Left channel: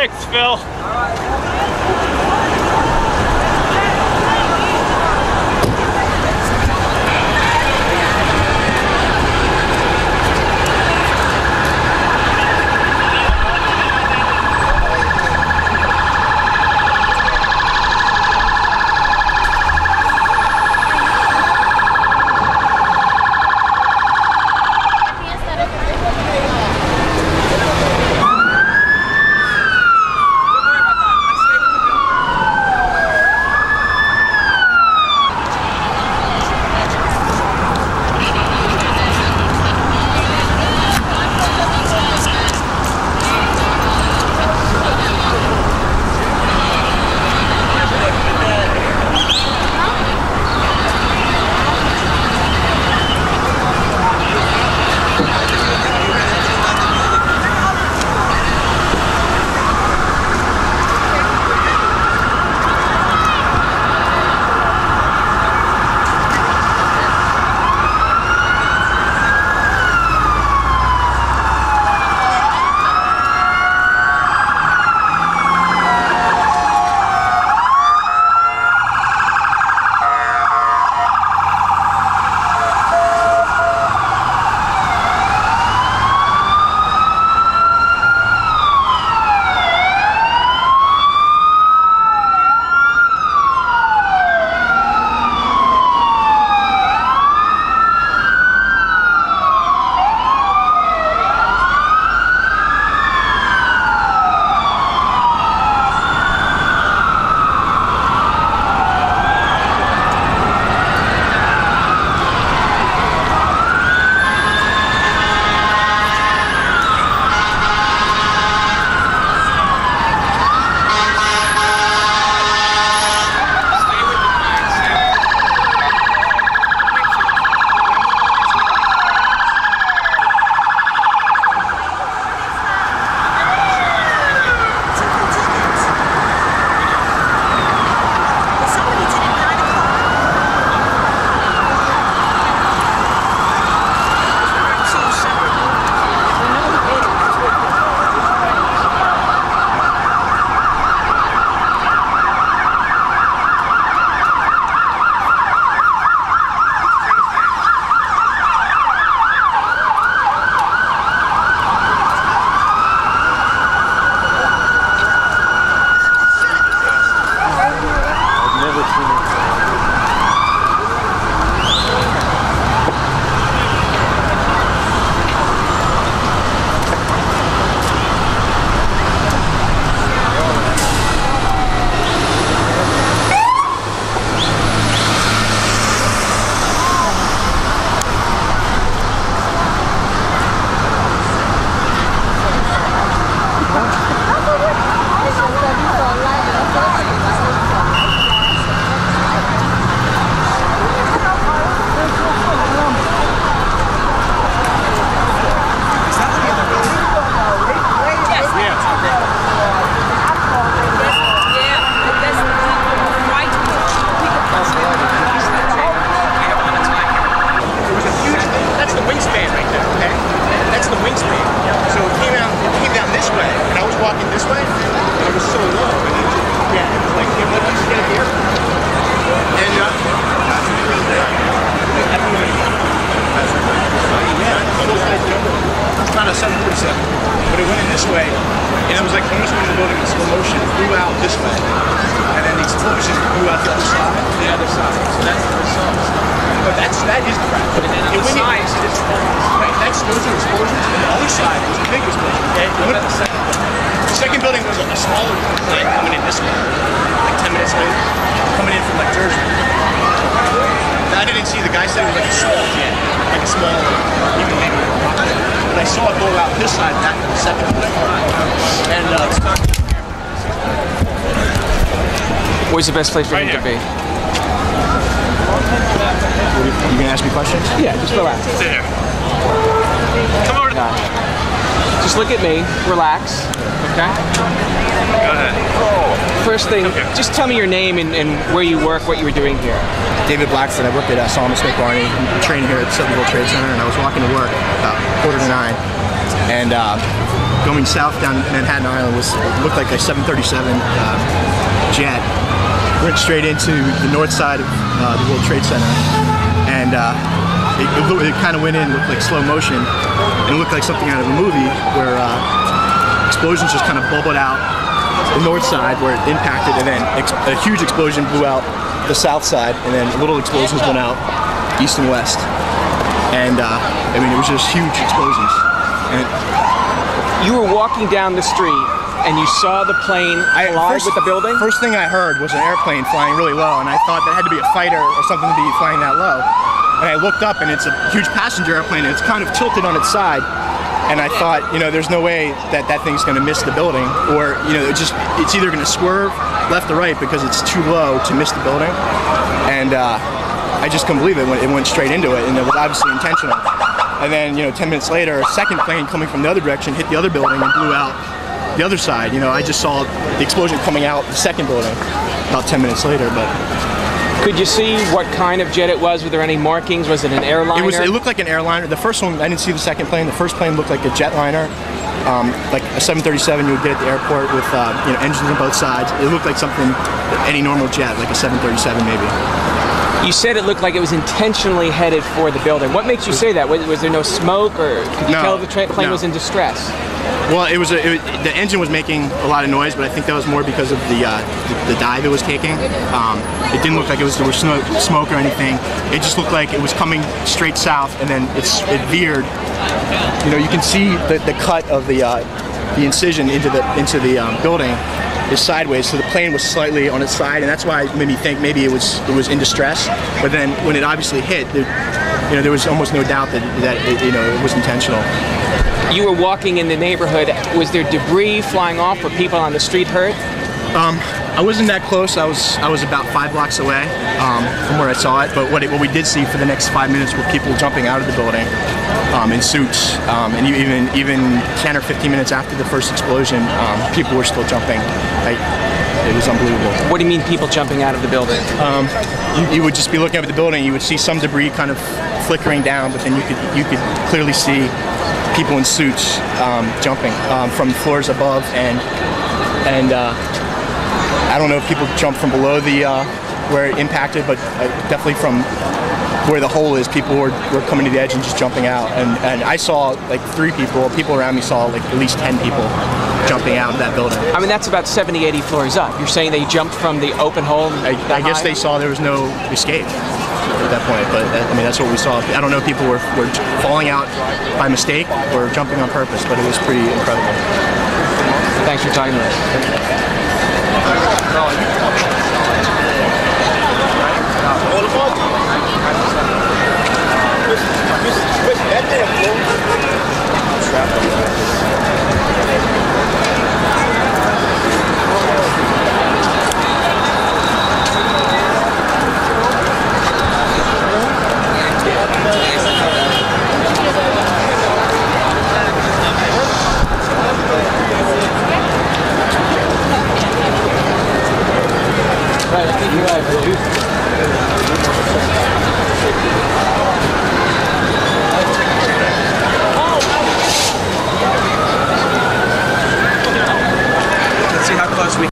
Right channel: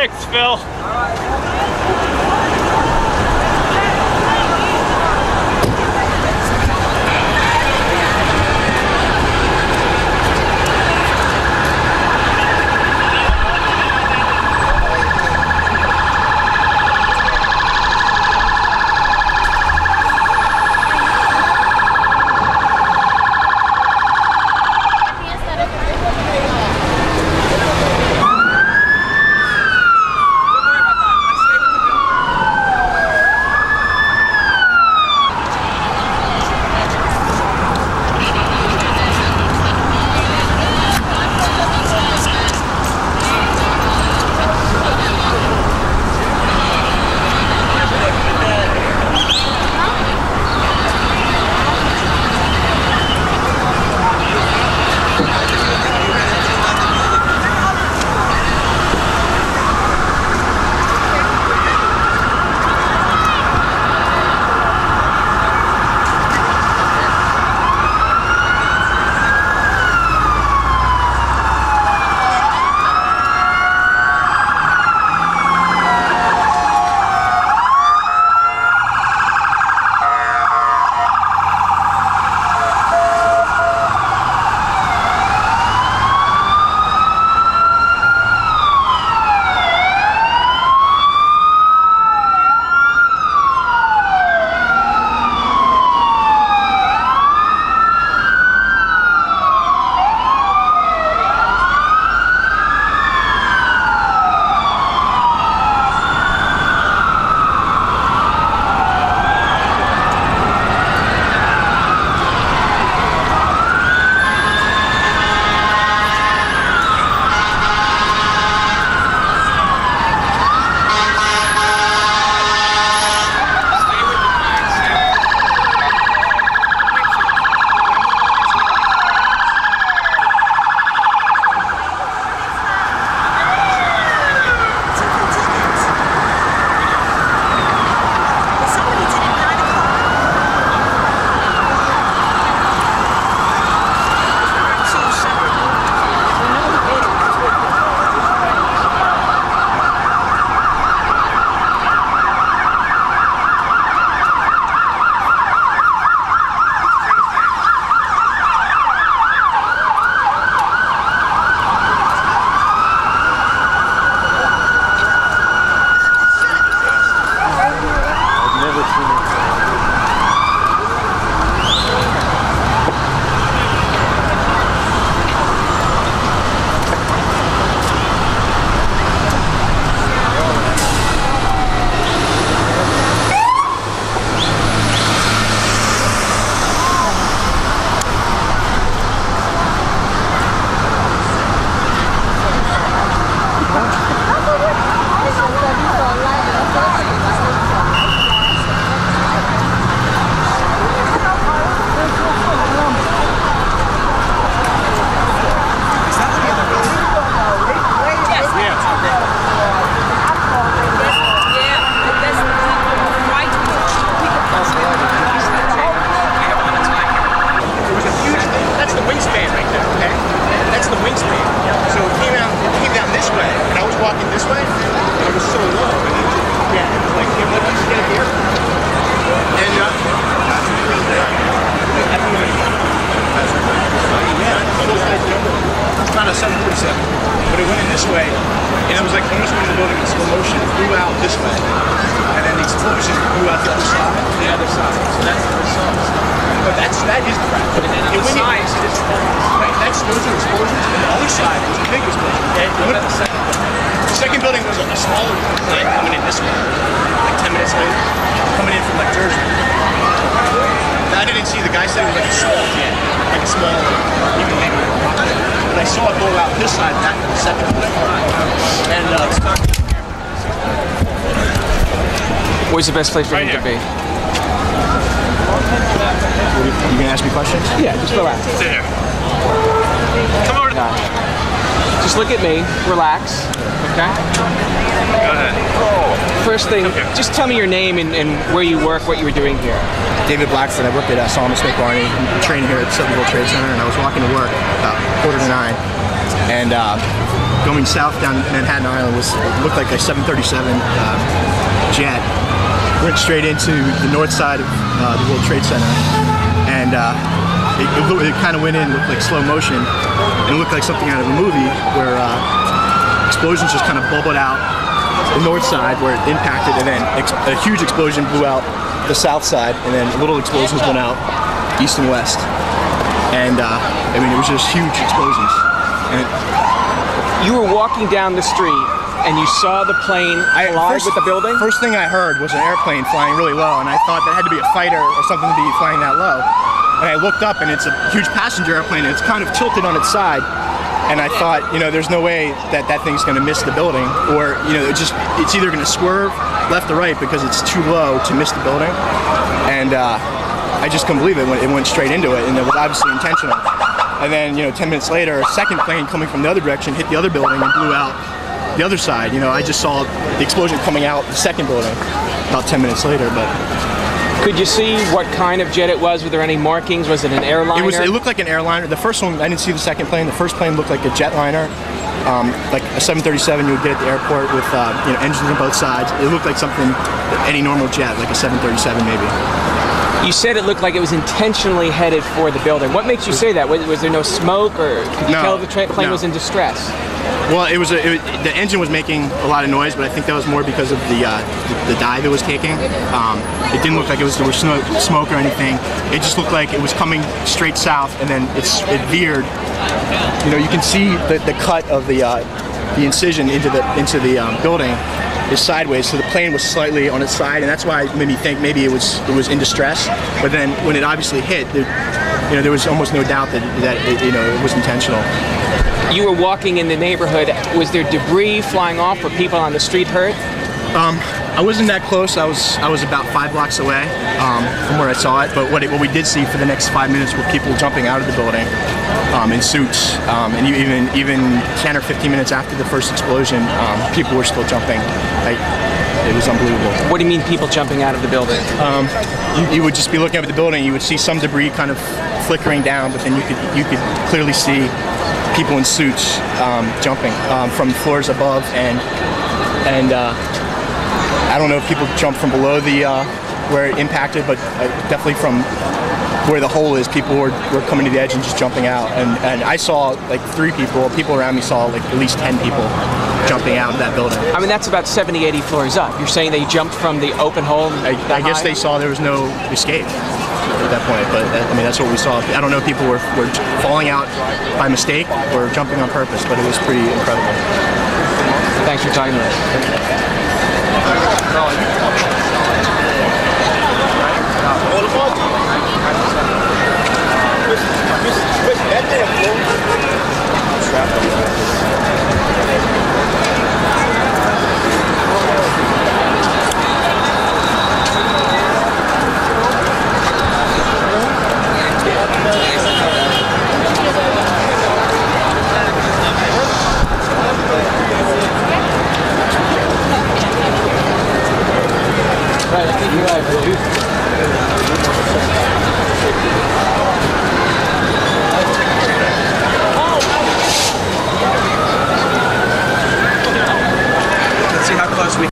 Thanks, Phil. Where's the best place for him to be? You gonna ask me questions? Yeah, just relax. There. Come over. Just look at me, relax, okay? Go ahead. First thing, just tell me your name and where you work, what you were doing here. David Blackstead. I worked at Solomon Smith Barney. I'm trained here at the 7th World Trade Center, and I was walking to work about 8:45, and going south down Manhattan Island looked like a 737 jet. Went straight into the north side of the World Trade Center, and it kind of went in, looked like slow motion, and it looked like something out of a movie where explosions just kind of bubbled out the north side where it impacted, and then a huge explosion blew out the south side, and then little explosions went out east and west. And I mean, it was just huge explosions. And you were walking down the street and you saw the plane collide with the building? First thing I heard was an airplane flying really low, and I thought that had to be a fighter or something to be flying that low. And I looked up, and it's a huge passenger airplane, and it's kind of tilted on its side. And I thought, you know, there's no way that that thing's going to miss the building, or, you know, it's either going to swerve left or right because it's too low to miss the building. And I just couldn't believe it. It went straight into it, and it was obviously intentional. And then, you know, 10 minutes later, a second plane coming from the other direction hit the other building and blew out the other side. You know, I just saw the explosion coming out the second building about 10 minutes later. But could you see what kind of jet it was? Were there any markings? Was it an airliner? It looked like an airliner. The first one, I didn't see the second plane. The first plane looked like a jetliner, like a 737 you would get at the airport with you know, engines on both sides. It looked like something, any normal jet, like a 737 maybe. You said it looked like it was intentionally headed for the building. What makes you say that? Was there no smoke, or could you tell the plane was in distress? Well, the engine was making a lot of noise, but I think that was more because of the dive it was taking. It didn't look like there was smoke or anything. It just looked like it was coming straight south, and then it veered. You know, you can see the cut of the incision into the building is sideways, so the plane was slightly on its side, and that's why it made me think maybe it was in distress. But then when it obviously hit, you know, there was almost no doubt that you know, it was intentional. You were walking in the neighborhood. Was there debris flying off? Were people on the street hurt? I wasn't that close. I was about 5 blocks away from where I saw it. But what we did see for the next 5 minutes were people jumping out of the building in suits, and even 10 or 15 minutes after the first explosion, people were still jumping. It was unbelievable. What do you mean, people jumping out of the building? You would just be looking up at the building. You would see some debris kind of flickering down, but then you could clearly see people in suits jumping from floors above, and I don't know if people jumped from below the where it impacted, but definitely from where the hole is, people were coming to the edge and just jumping out. And I saw like 3 people. People around me saw like at least 10 people jumping out of that building. I mean, that's about 70, 80 floors up. You're saying they jumped from the open hole? I guess they saw there was no escape at that point, but I mean, that's what we saw. I don't know if people were falling out by mistake or jumping on purpose, but it was pretty incredible. Thanks for talking to us. Let's see how close we.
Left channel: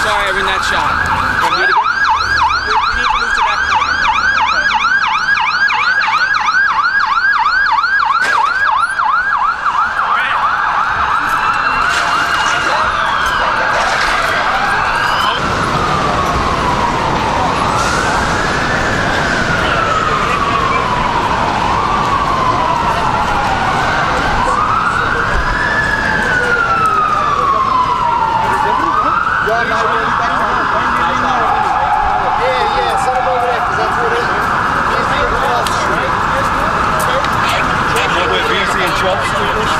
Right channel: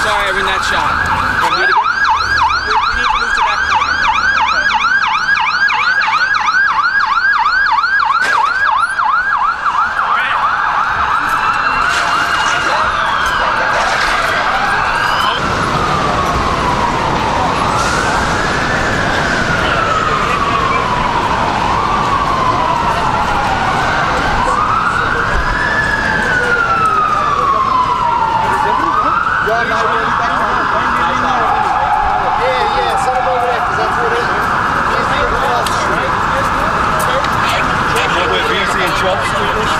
Sorry, I'm in that shot. Can we do it again? We need to move to that corner. Trump speakers.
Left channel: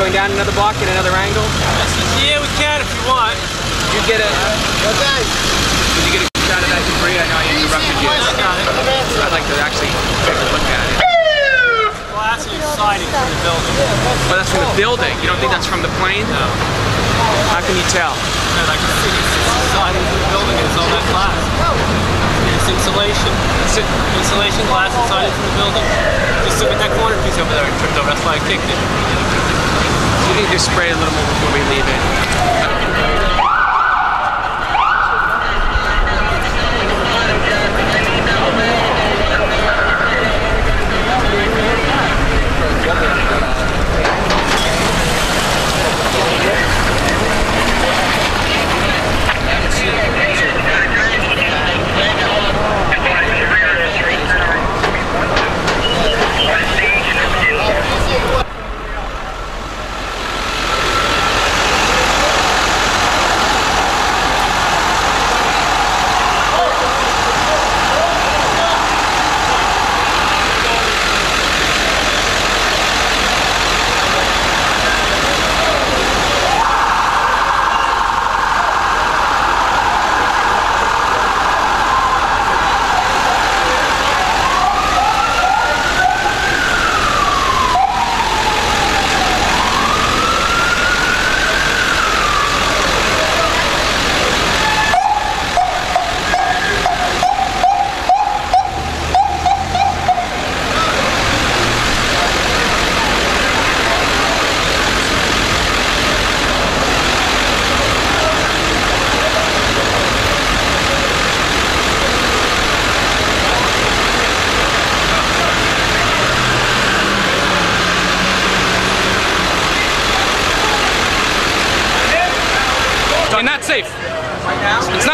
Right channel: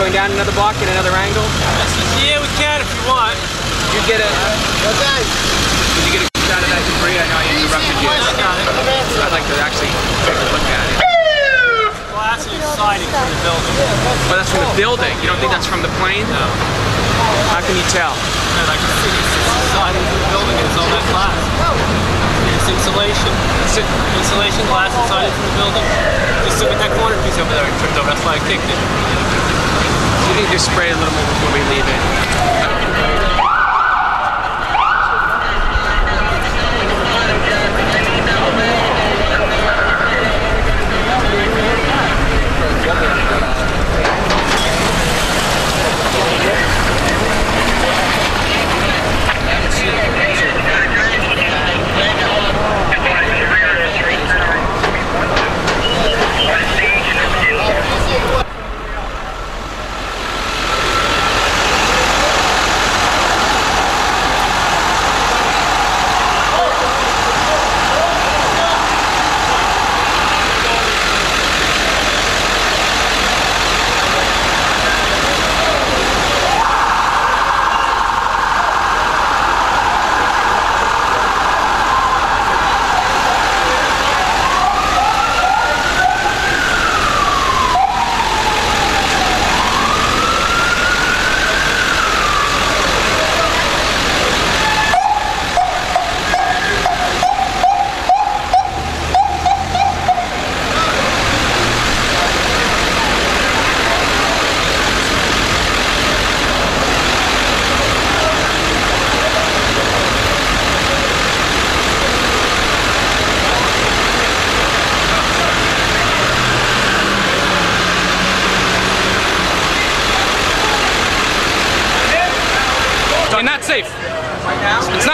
Going down another block, get another angle? Yeah, we can if you want. You get a... Okay. Did you get a good shot of that debris? I know I interrupted you. I'd like to actually take a look at it. Well, that's the siding from the building. Oh, that's from the building? You don't think that's from the plane? No. How can you tell? I can see it's the siding from the building and it's all that glass. It's insulation. Insulation glass and siding from the building. Just look at that corner piece over there. It tripped over. That's why I kicked it. You need to spray a little more before we leave it.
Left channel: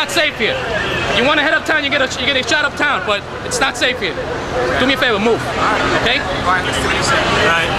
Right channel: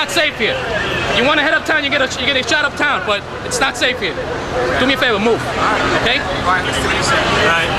not safe here. You want to head uptown, you get a shot uptown, but it's not safe here. Do me a favor, move. Okay? All right.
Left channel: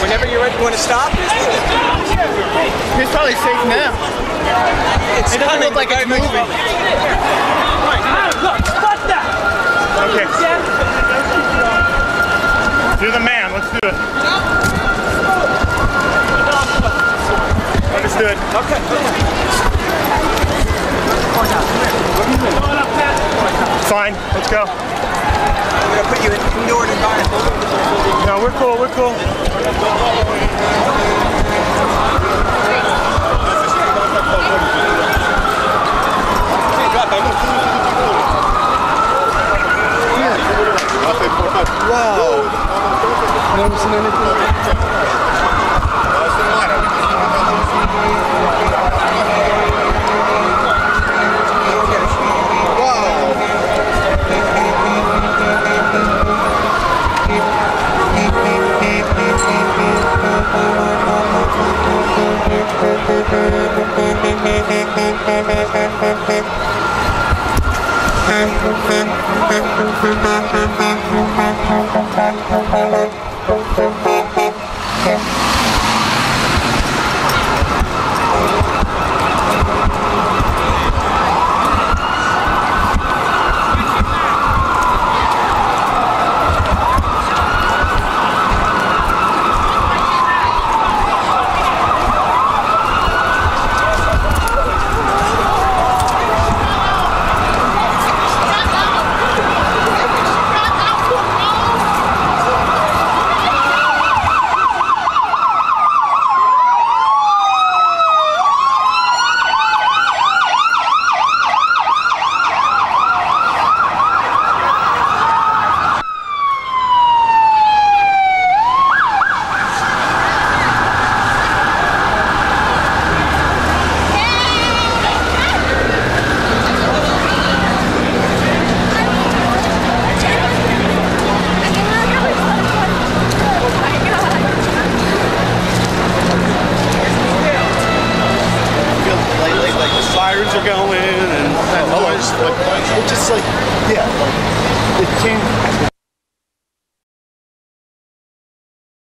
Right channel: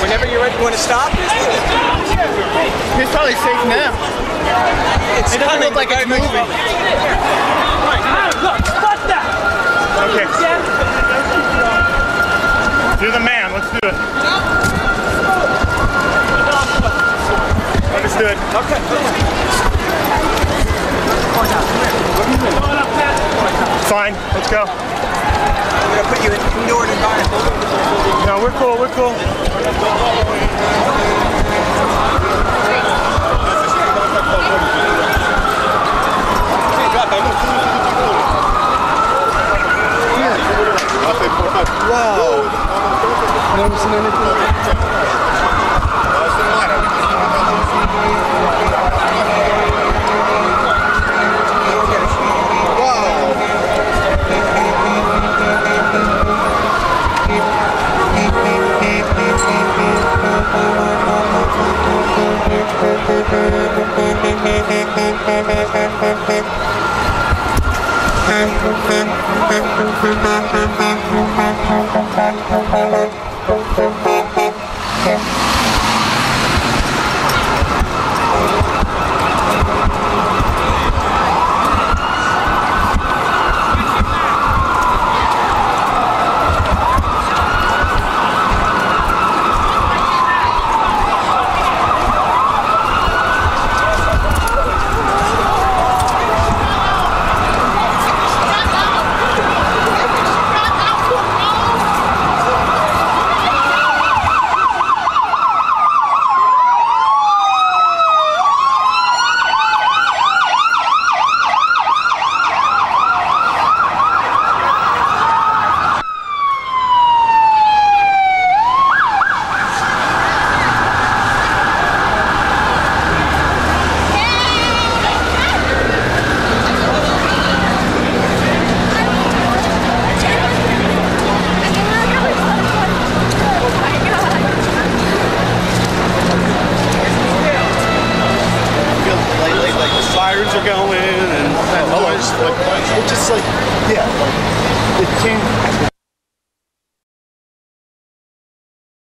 Whenever you're ready, you want to stop? It's probably safe now. It doesn't look like it's moving. Okay. You're the man. Let's do it. Understood. Okay. Fine. Let's go. I'm going to put you in indoor environment. No, we're cool. We're cool. Wow. Never seen anything. sirens are going and It just like, yeah, like, it came.